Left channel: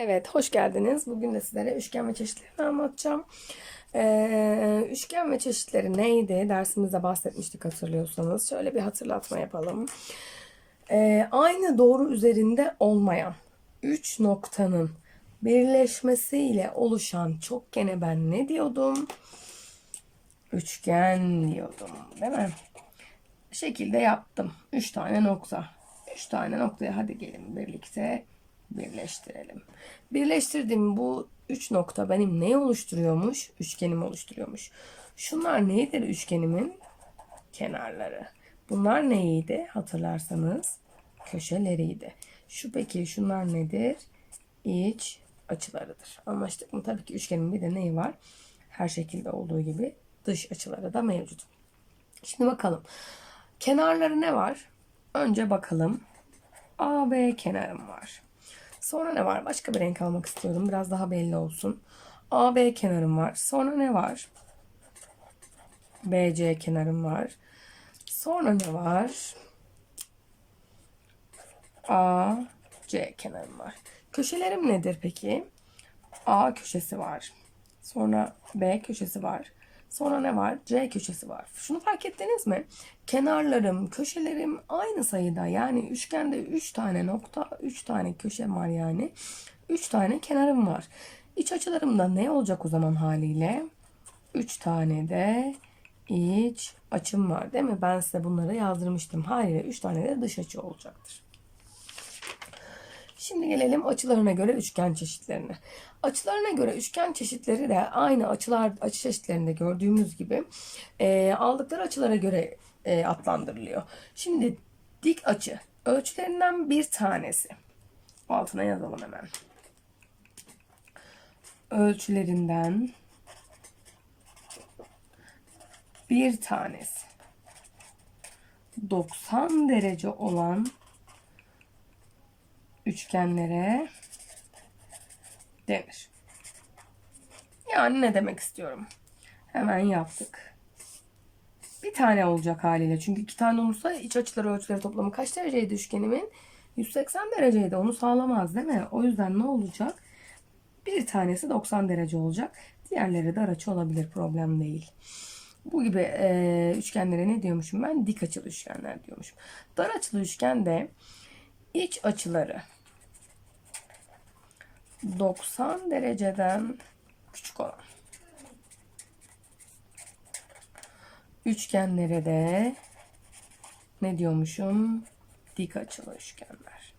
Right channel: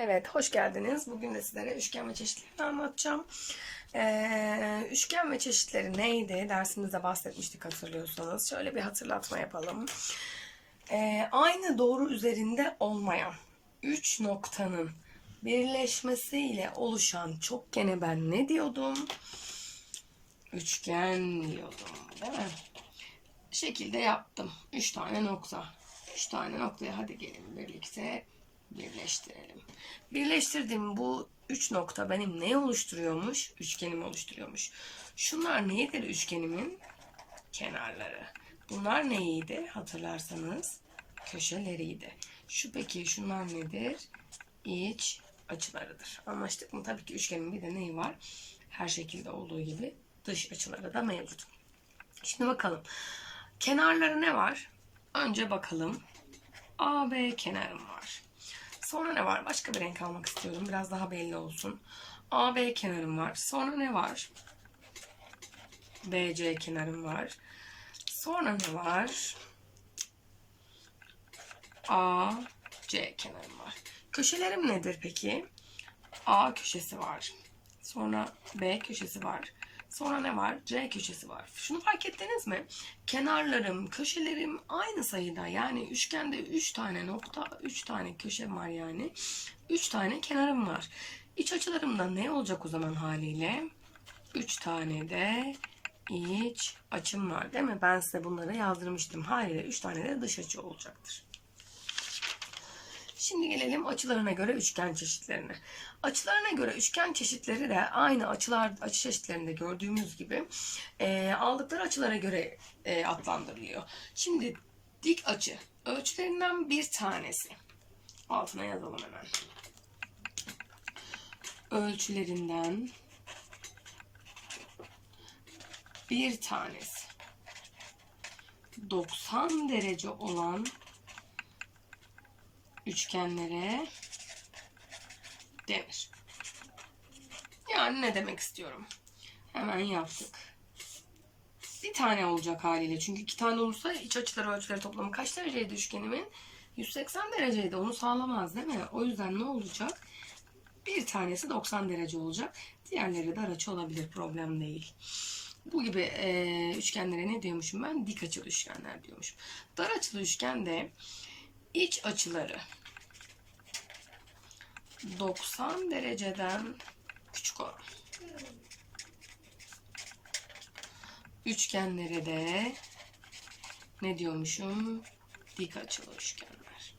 Evet, hoş geldiniz. Bugün de sizlere üçgen ve çeşitlerini anlatacağım. Ee, üçgen ve çeşitleri neydi? Dersimizde bahsetmiştik hatırlıyorsanız. Şöyle bir hatırlatma yapalım. Ee, aynı doğru üzerinde olmayan üç noktanın birleşmesiyle oluşan çokgene ben ne diyordum? Üçgen diyordum, değil mi? şekilde yaptım. Üç tane nokta. Üç tane noktayı hadi gelin birlikte birleştirelim. Birleştirdiğim bu üç nokta benim neyi oluşturuyormuş? Üçgenimi oluşturuyormuş. Şunlar neydir üçgenimin? Kenarları. Bunlar neydi hatırlarsanız? Köşeleriydi. Şu peki şunlar nedir? İç açılarıdır. Anlaştık mı? Tabii ki üçgenin bir de neyi var? Her şekilde olduğu gibi dış açıları da mevcut. Şimdi bakalım. Kenarları ne var? Önce bakalım. AB kenarım var. Sonra ne var? Başka bir renk almak istiyorum. Biraz daha belli olsun. AB kenarım var. Sonra ne var? BC kenarım var. Sonra ne var? AC kenarım var. Köşelerim nedir peki? A köşesi var. Sonra B köşesi var. Sonra ne var? C köşesi var. Şunu fark ettiniz mi? Kenarlarım, köşelerim aynı sayıda. Yani üçgende 3 tane nokta, 3 tane köşe var yani. 3 tane kenarım var. İç açılarımda ne olacak o zaman haliyle? 3 tane de iç açım var değil mi? Ben size bunları yazdırmıştım. Haliyle 3 tane de dış açı olacaktır. Şimdi gelelim açılarına göre üçgen çeşitlerine. Açılarına göre üçgen çeşitleri de aynı açılar açı çeşitlerinde gördüğümüz gibi e, aldıkları açılara göre e, adlandırılıyor. Şimdi dik açı ölçülerinden bir tanesi. Altına yazalım hemen. Ölçülerinden bir tanesi. 90 derece olan üçgenlere denir. Yani ne demek istiyorum? Hemen yaptık. Bir tane olacak haliyle. Çünkü iki tane olursa iç açıları ölçüleri toplamı kaç dereceydi üçgenimin? 180 dereceydi. Onu sağlamaz değil mi? O yüzden ne olacak? Bir tanesi 90 derece olacak. Diğerleri dar açı olabilir. Problem değil. Bu gibi e, üçgenlere ne diyormuşum ben? Dik açılı üçgenler diyormuşum. Dar açılı üçgende iç açıları 90 dereceden küçük olan üçgenlere de ne diyormuşum? Dik açılı üçgenler.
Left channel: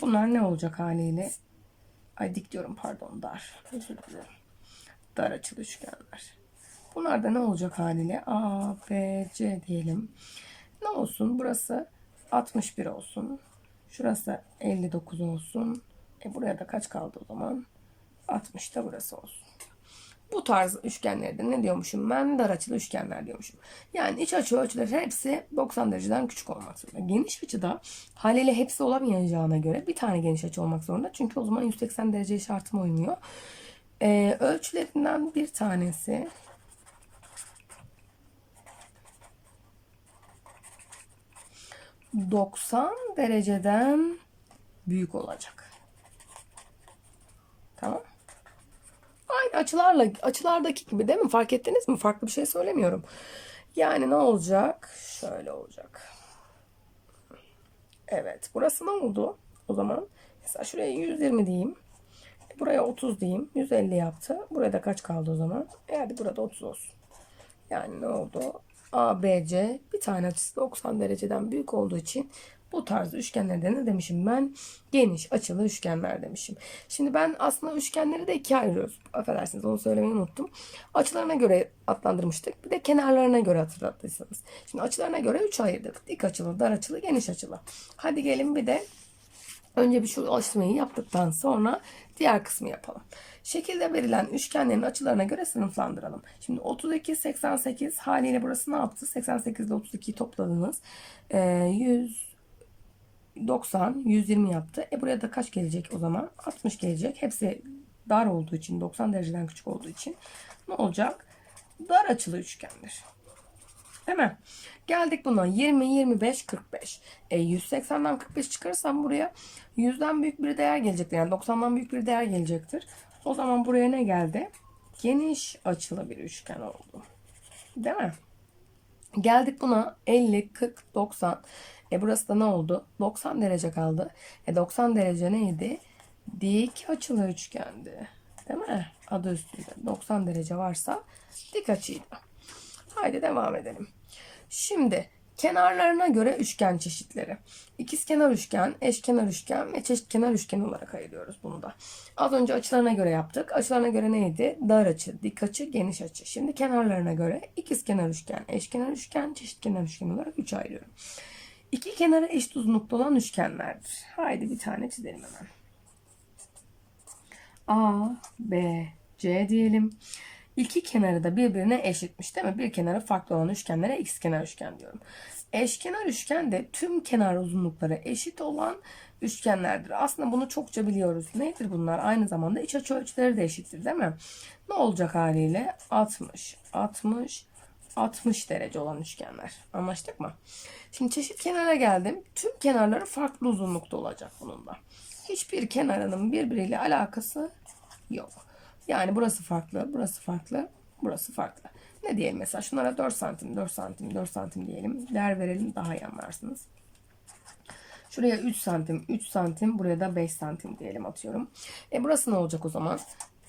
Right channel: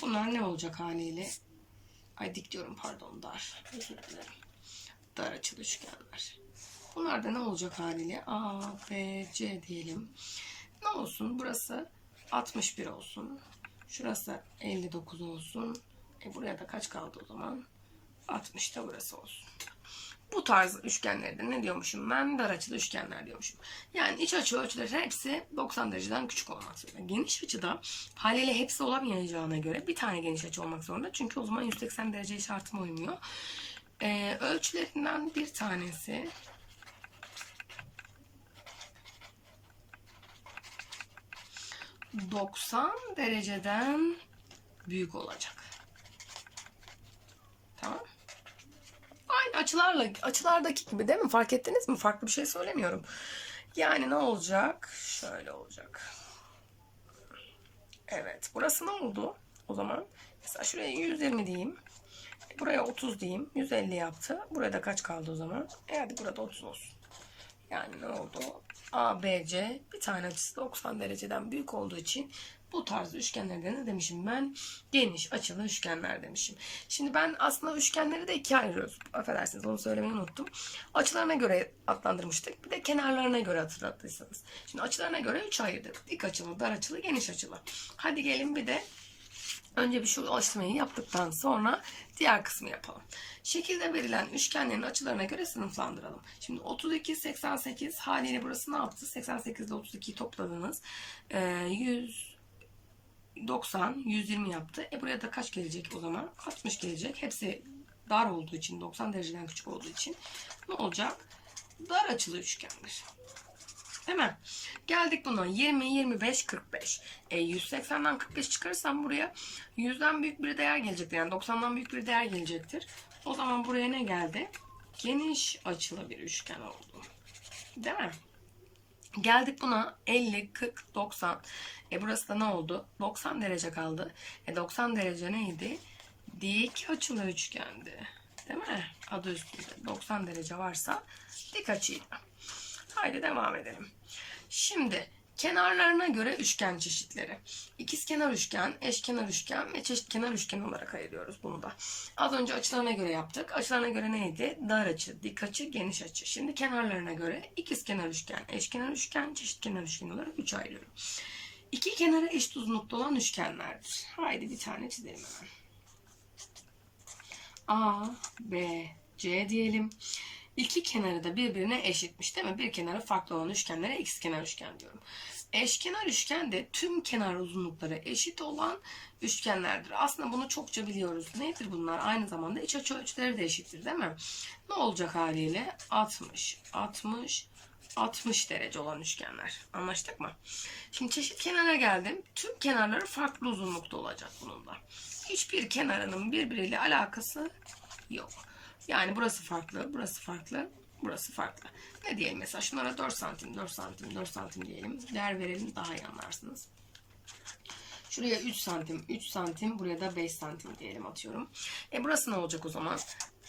Bunlar ne olacak haliyle? Ay dik diyorum pardon dar. Özür dilerim. Dar açılı üçgenler. Bunlar da ne olacak haliyle? A, B, C diyelim. Ne olsun? Burası 61 olsun. Şurası 59 olsun. E buraya da kaç kaldı o zaman? 60 da burası olsun. Bu tarz üçgenlerde ne diyormuşum ben? Dar açılı üçgenler diyormuşum. Yani iç açı ölçüleri hepsi 90 dereceden küçük olmak zorunda. Geniş açıda haliyle hepsi olamayacağına göre bir tane geniş açı olmak zorunda. Çünkü o zaman 180 derece şartıma uymuyor. Ee, ölçülerinden bir tanesi 90 dereceden büyük olacak. Tamam. Aynı açılarla açılardaki gibi değil mi? Fark ettiniz mi? Farklı bir şey söylemiyorum. Yani ne olacak? Şöyle olacak. Evet. Burası ne oldu? O zaman mesela şuraya 120 diyeyim. Buraya 30 diyeyim. 150 yaptı. Burada kaç kaldı o zaman? E hadi burada 30 olsun. Yani ne oldu? ABC bir tane açısı 90 dereceden büyük olduğu için bu tarz üçgenlerde ne demişim ben? Geniş açılı üçgenler demişim. Şimdi ben aslında üçgenleri de ikiye ayırıyoruz. Affedersiniz onu söylemeyi unuttum. Açılarına göre adlandırmıştık. Bir de kenarlarına göre hatırlattıysanız. Şimdi açılarına göre üç ayırdık. Dik açılı, dar açılı, geniş açılı. Hadi gelin bir de önce bir şu alıştırmayı yaptıktan sonra diğer kısmı yapalım. Şekilde verilen üçgenlerin açılarına göre sınıflandıralım. Şimdi 32, 88 haliyle burası ne yaptı? 88 ile 32'yi topladınız. Ee, 190, 120 yaptı. E buraya da kaç gelecek o zaman? 60 gelecek. Hepsi dar olduğu için, 90 dereceden küçük olduğu için ne olacak? Dar açılı. Değil mi? Geldik buna 20, 25, 45. E 180'den 45 çıkarırsam buraya 100'den büyük bir değer gelecektir. Yani 90'dan büyük bir değer gelecektir. O zaman buraya ne geldi? Geniş açılı bir üçgen oldu. Değil mi? Geldik buna 50, 40, 90. E burası da ne oldu? 90 derece kaldı. E 90 derece neydi? Dik açılı üçgendi. Değil mi? Adı üstünde. 90 derece varsa dik açıydı. Haydi devam edelim. Şimdi kenarlarına göre üçgen çeşitleri. İkizkenar üçgen, eşkenar üçgen ve çeşitkenar üçgen olarak ayırıyoruz bunu da. Az önce açılarına göre yaptık. Açılarına göre neydi? Dar açı, dik açı, geniş açı. Şimdi kenarlarına göre ikizkenar üçgen, eşkenar üçgen, çeşitkenar üçgen olarak üç ayırıyorum. İki kenarı eşit uzunlukta olan üçgenlerdir. Haydi bir tane çizelim hemen. A, B, C diyelim. İki kenarı da birbirine eşitmiş değil mi? Bir kenarı farklı olan üçgenlere ikizkenar üçgen diyorum. Eşkenar üçgen de tüm kenar uzunlukları eşit olan üçgenlerdir. Aslında bunu çokça biliyoruz. Nedir bunlar? Aynı zamanda iç açı ölçüleri de eşittir değil mi? Ne olacak haliyle? 60, 60, 60 derece olan üçgenler. Anlaştık mı? Şimdi çeşit kenara geldim. Tüm kenarları farklı uzunlukta olacak bunun da. Hiçbir kenarının birbiriyle alakası yok. Yani burası farklı, burası farklı, burası farklı. Ne diyelim mesela şunlara 4 santim, 4 santim, 4 santim diyelim. Değer verelim daha iyi anlarsınız. Şuraya 3 santim, 3 santim, buraya da 5 santim diyelim atıyorum. E burası ne olacak o zaman?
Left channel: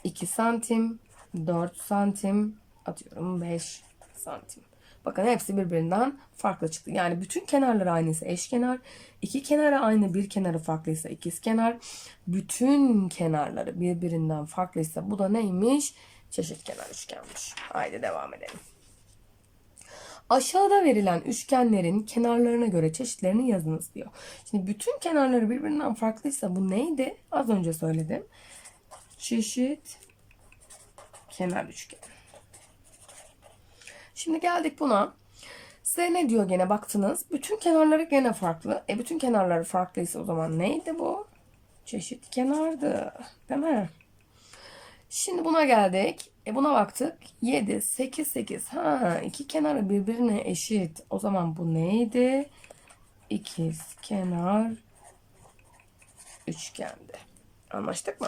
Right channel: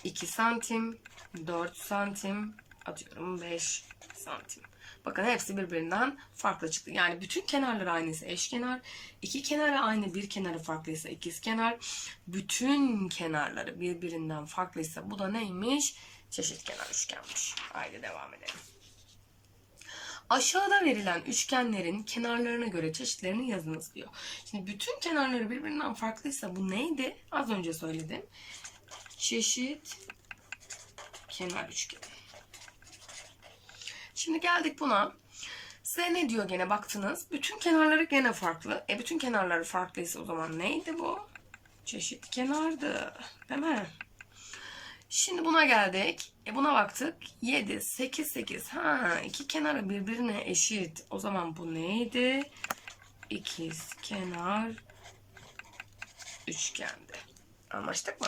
2 santim, 4 santim, atıyorum 5 santim. Bakın hepsi birbirinden farklı çıktı. Yani bütün kenarları aynıysa eşkenar, iki kenarı aynı, bir kenarı farklıysa ikizkenar, bütün kenarları birbirinden farklıysa bu da neymiş? Çeşitkenar üçgenmiş. Haydi devam edelim. Aşağıda verilen üçgenlerin kenarlarına göre çeşitlerini yazınız diyor. Şimdi bütün kenarları birbirinden farklıysa bu neydi? Az önce söyledim. Çeşit kenar üçgen. Şimdi geldik buna. Size ne diyor gene baktınız. Bütün kenarları gene farklı. E bütün kenarları farklıysa o zaman neydi bu? Çeşit kenardı. Değil mi? Şimdi buna geldik. E buna baktık. 7, 8, 8. Ha, iki kenarı birbirine eşit. O zaman bu neydi? İkiz kenar üçgendi. Anlaştık mı?